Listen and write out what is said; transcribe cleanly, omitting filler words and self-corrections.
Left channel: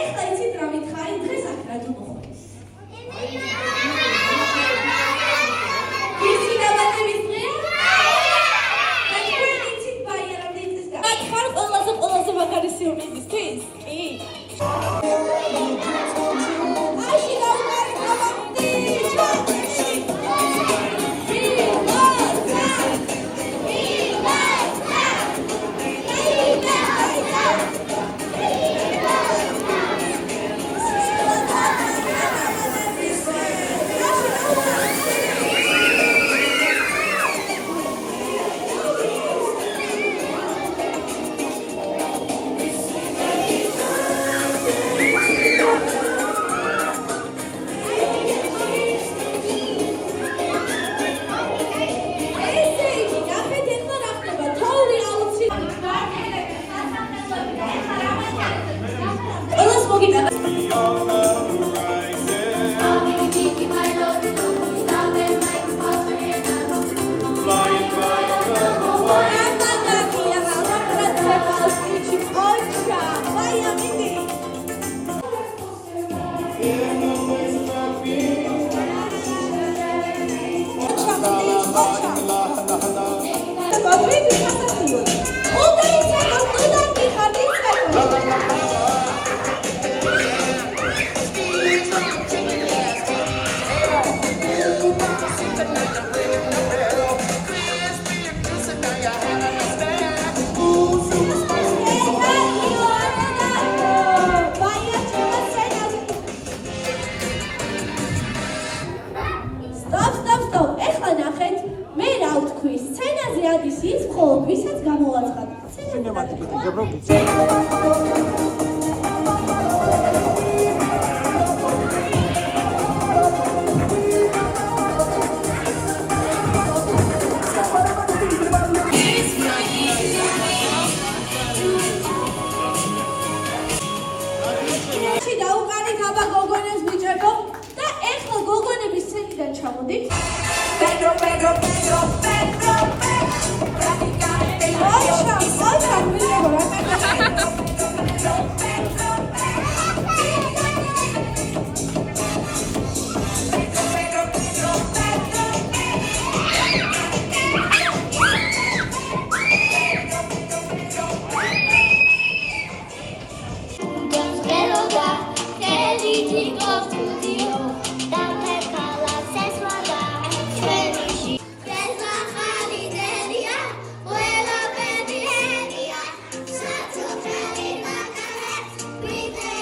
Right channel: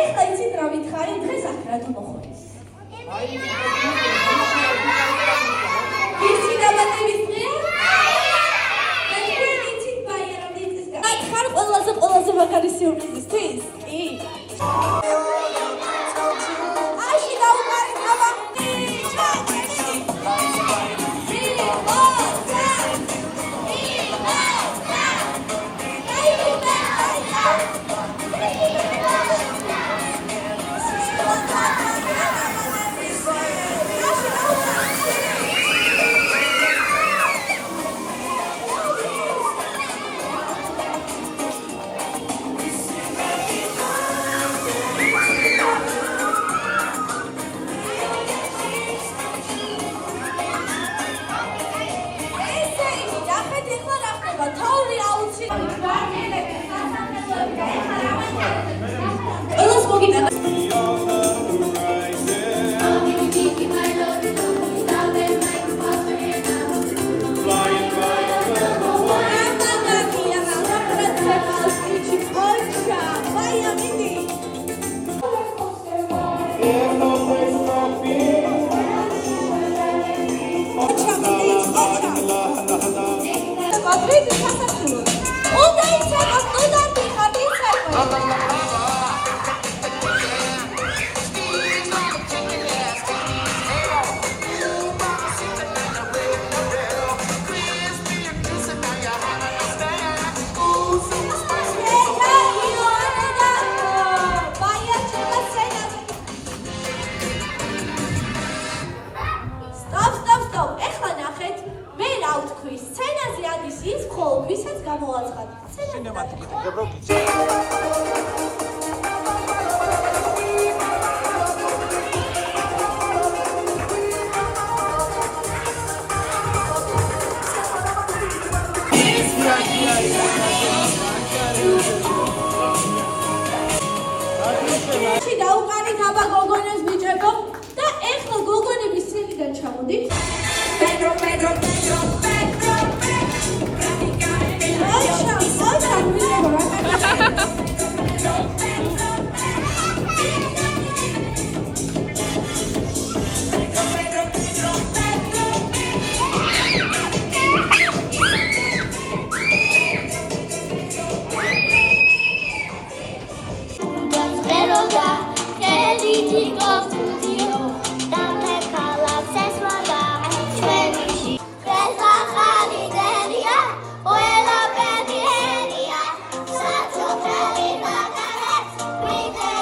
ეხლა იცით რა მითხარი, დღეს აქ რა თუ მოხდეს? იცი დაბადების დღეა? და თქვენ იცით ბაია რამდენი წელს გადის? აქ ხარ ყველაზე მაგარი სიურპრიზისთვის? კი. აში დაუკარი სცენაზე ადის ის, მხოლოდ ვისაც გამოაცხადეთ. სცენაზე დაუკარით აბა გოგონებს ბიჭებო და ეხლა გოგონების სცენიდან ჩამოდით.